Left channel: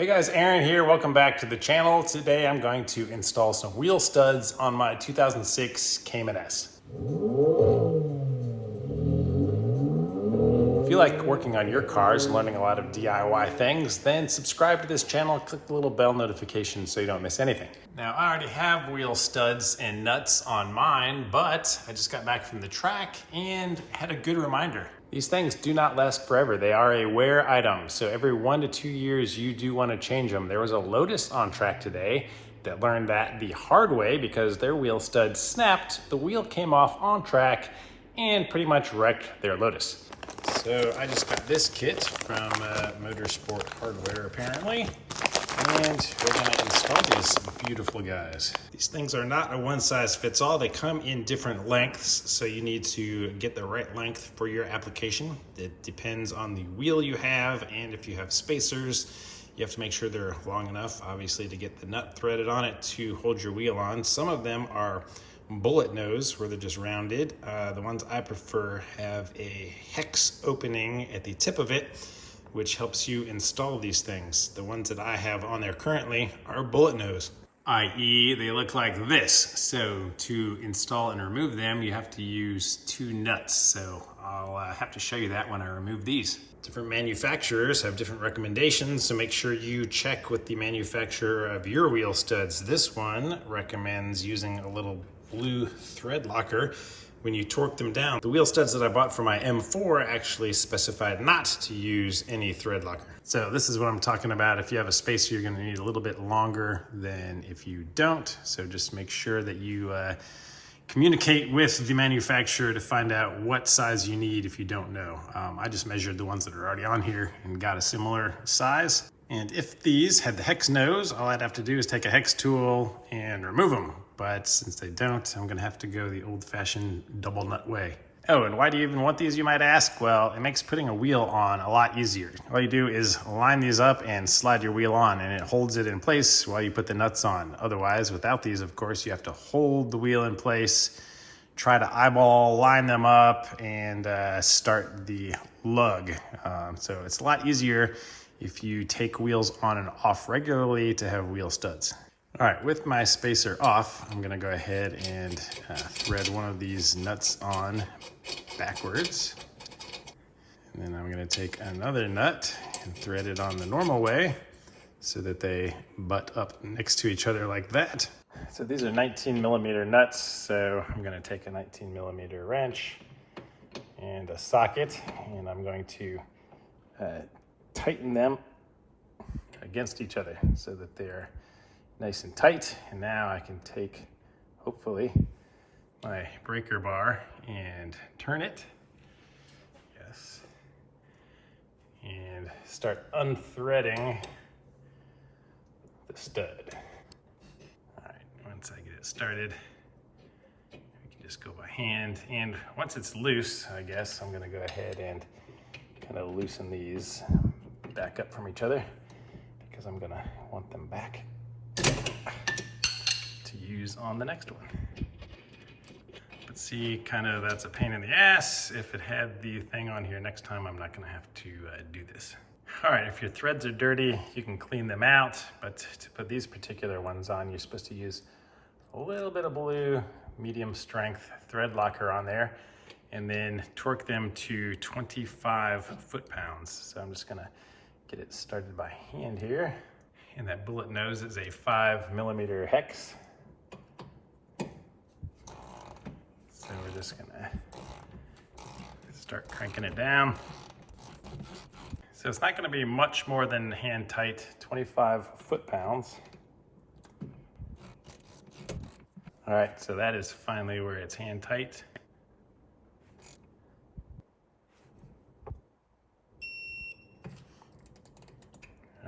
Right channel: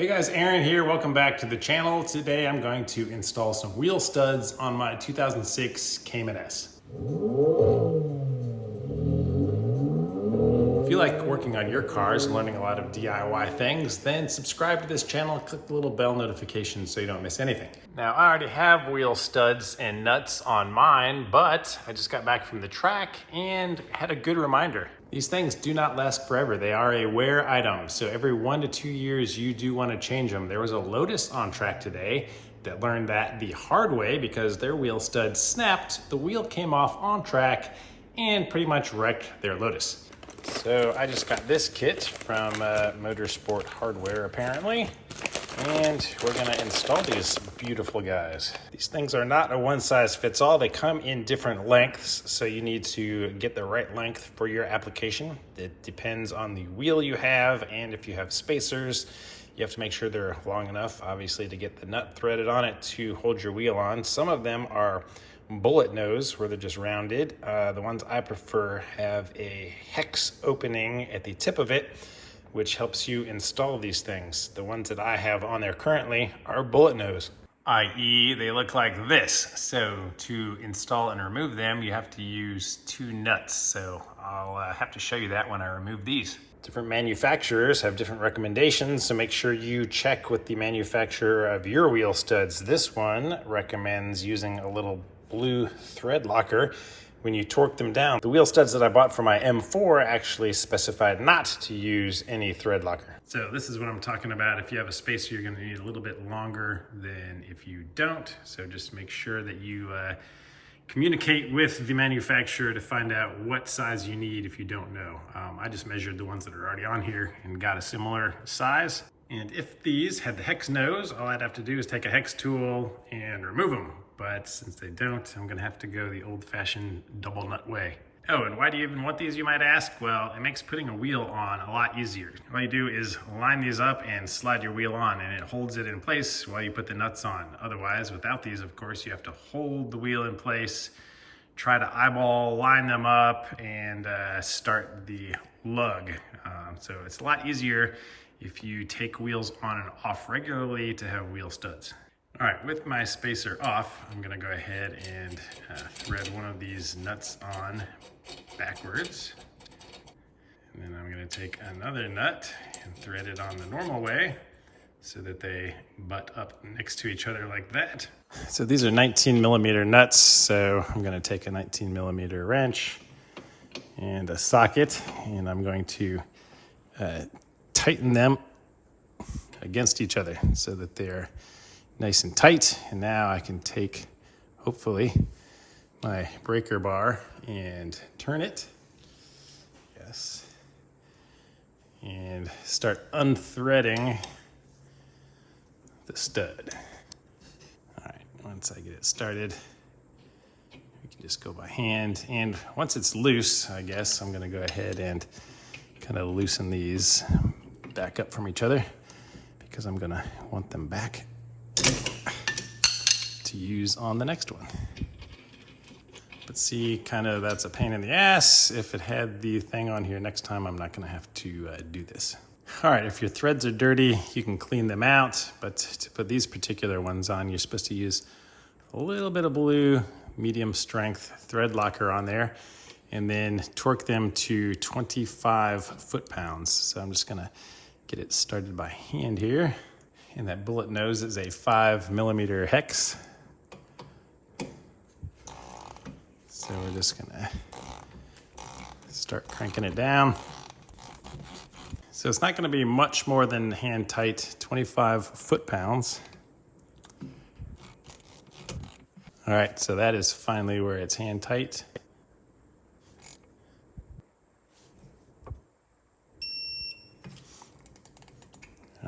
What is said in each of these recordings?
Hey guys, Aaron here. Welcome back to the channel. Today I'm going to install some wheel studs on my 2006 Cayman S. If you like working on your cars and learning a lot of DIY things, then subscribe to this channel and click the little bell notification so you don't miss anything. Now, I already have wheel studs and nuts on mine, but I just got back from the track and had a good reminder. These things do not last forever. They are a wear item. So every 1 to 2 years, you do want to change them. There was a Lotus on track today that learned that the hard way because their wheel studs snapped, the wheel came off on track and pretty much wrecked their Lotus. So I just got this kit from Motorsport Hardware apparently, and we're gonna install these beautiful guys. These things are not a one size fits all. They come in different lengths, so you need to get the right length for your application. It depends on the wheel you have, and if you have spacers, you have to make sure they're long enough, obviously, to get the nut threaded on it to hold your wheel on. Some of them are bullet nose, where they're just rounded. The ones I prefer have a hex opening at the tip of it, which helps you install these things. The ones that I have on there currently are bullet nose, i.e. they look like this. So to install and remove them, you have to use 2 nuts. So I'll have to show you that when I remove these. Different manufacturers have different recommendations, so make sure you check with the manufacturer of your wheel studs. This one recommends using a little blue thread locker when you torque them down. The wheel studs that I bought for my M4 actually specified not to use any thread locker. So this is what I'm talking about. If you have a spacer, you're gonna need a little bit longer than if you don't. So just make sure that you communicate with the manufacturer to find out what size you need if you don't know. I just measured the ones that are already on here and got a similar size. And if these had the hex nose, all I'd have to do is take a hex tool and remove them. But since they don't, I'm gonna have to go the old-fashioned double nut way. Oh, and why do you even want these, you might ask? Well, it makes putting a wheel on a lot easier. All you do is line these up and slide your wheel on, and it holds it in place while you put the nuts on. Otherwise, without these, of course, you have to hold the wheel in place, try to eyeball, line them up, and start the lug. So it's a lot easier if you take wheels on and off regularly to have wheel studs. All right, with my spacer off, I'm gonna go ahead and thread one of these nuts on backwards. And then I'm gonna take another nut and thread it on the normal way so that they butt up next to each other like that. So these are 19mm nuts, so I'm gonna take a 19mm wrench and a socket, and I'm going to tighten them against each other so that they're nice and tight. And now I can take, hopefully, my breaker bar and turn it. Yes. And start unthreading the stud. All right, once I get it started, we can just go by hand. And once it's loose, I guess, I'm gonna go ahead and kind of loosen these back up from each other because I'm gonna want them back to use on the next one. But see, kind of that's a pain in the ass. If it had the thing on here, next time I'm not gonna have to do this. All right, if your threads are dirty, you can clean them out, but to put these particular ones on, you're supposed to use a little bit of blue, medium strength thread locker on there, and then torque them to 25 foot-pounds. So I'm just gonna get it started by hand here. And that bullet nose is a 5mm hex. So we're just gonna start cranking it down. So it's not gonna be much more than hand tight, 25 foot-pounds. All right, so that is finally where it's hand tight.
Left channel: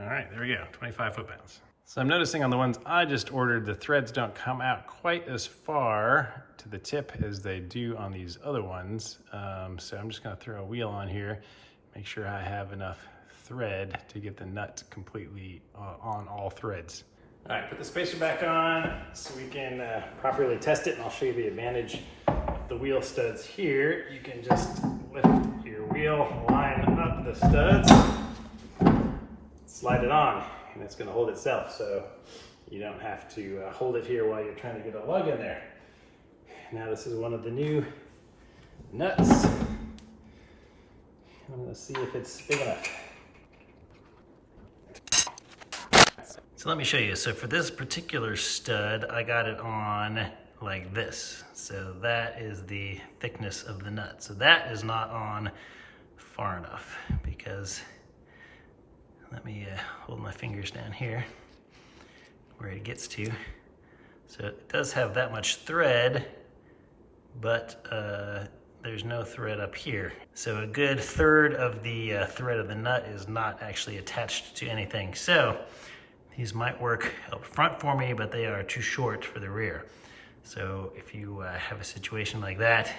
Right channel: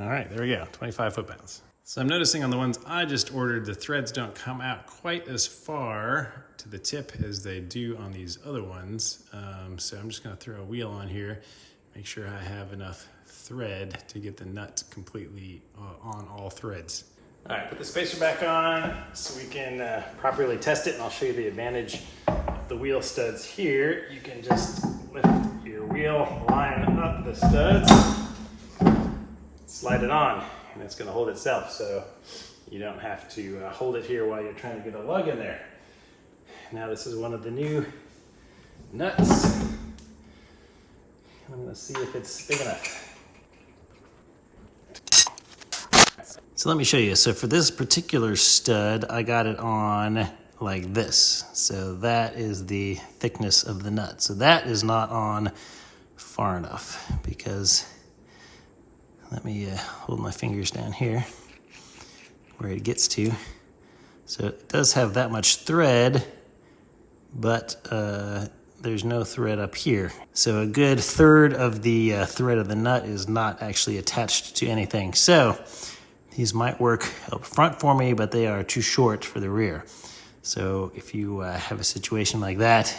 All right, there we go, 25 foot-pounds. So I'm noticing on the ones I just ordered, the threads don't come out quite as far to the tip as they do on these other ones. So I'm just gonna throw a wheel on here, make sure I have enough thread to get the nut completely on all threads. All right, put the spacer back on so we can properly test it, and I'll show you the advantage of the wheel studs here. You can just lift your wheel, line up the studs, slide it on, and it's gonna hold itself, so you don't have to hold it here while you're trying to get a lug in there. Now this is one of the new nuts. I'm gonna see if it's big enough. So let me show you. So for this particular stud, I got it on like this. So that is the thickness of the nut. So that is not on far enough, because let me hold my fingers down here where it gets to. So it does have that much thread, but there's no thread up here. So a good third of the thread of the nut is not actually attached to anything. So these might work up front for me, but they are too short for the rear. So if you have a situation like that,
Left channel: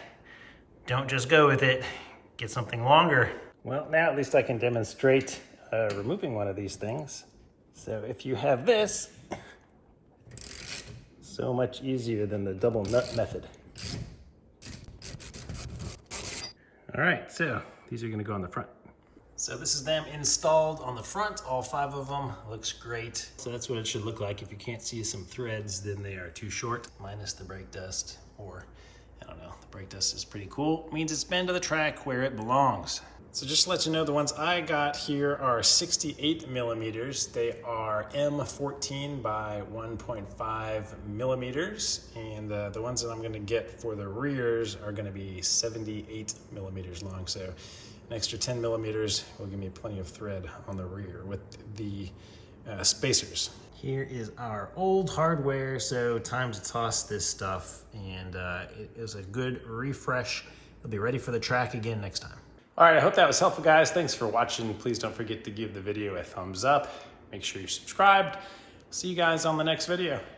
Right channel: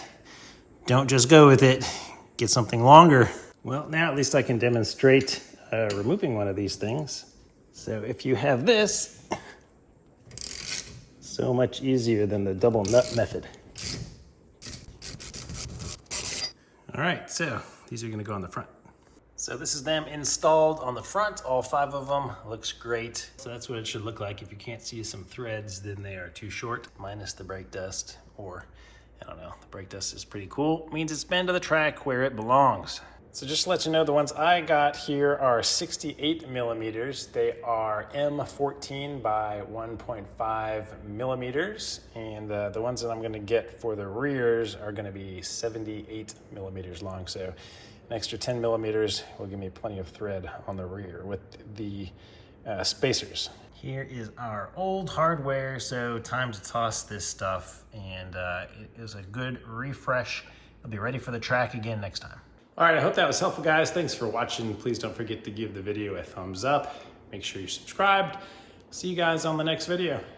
don't just go with it, get something longer. Well, now at least I can demonstrate removing one of these things. So if you have this, so much easier than the double nut method. All right, so these are gonna go on the front. So this is them installed on the front, all 5 of them. Looks great. So that's what it should look like. If you can't see some threads, then they are too short, minus the brake dust, or I don't know, the brake dust is pretty cool. It means it's been to the track where it belongs. So just to let you know, the ones I got here are 68 millimeters. They are M14 by 1.5 millimeters. And the ones that I'm gonna get for the rears are gonna be 78 millimeters long. So an extra 10 millimeters will give me plenty of thread on the rear with the spacers. Here is our old hardware, so time to toss this stuff, and it is a good refresh. It'll be ready for the track again next time. All right, I hope that was helpful, guys. Thanks for watching. Please don't forget to give the video a thumbs up. Make sure you're subscribed. See you guys on the next video.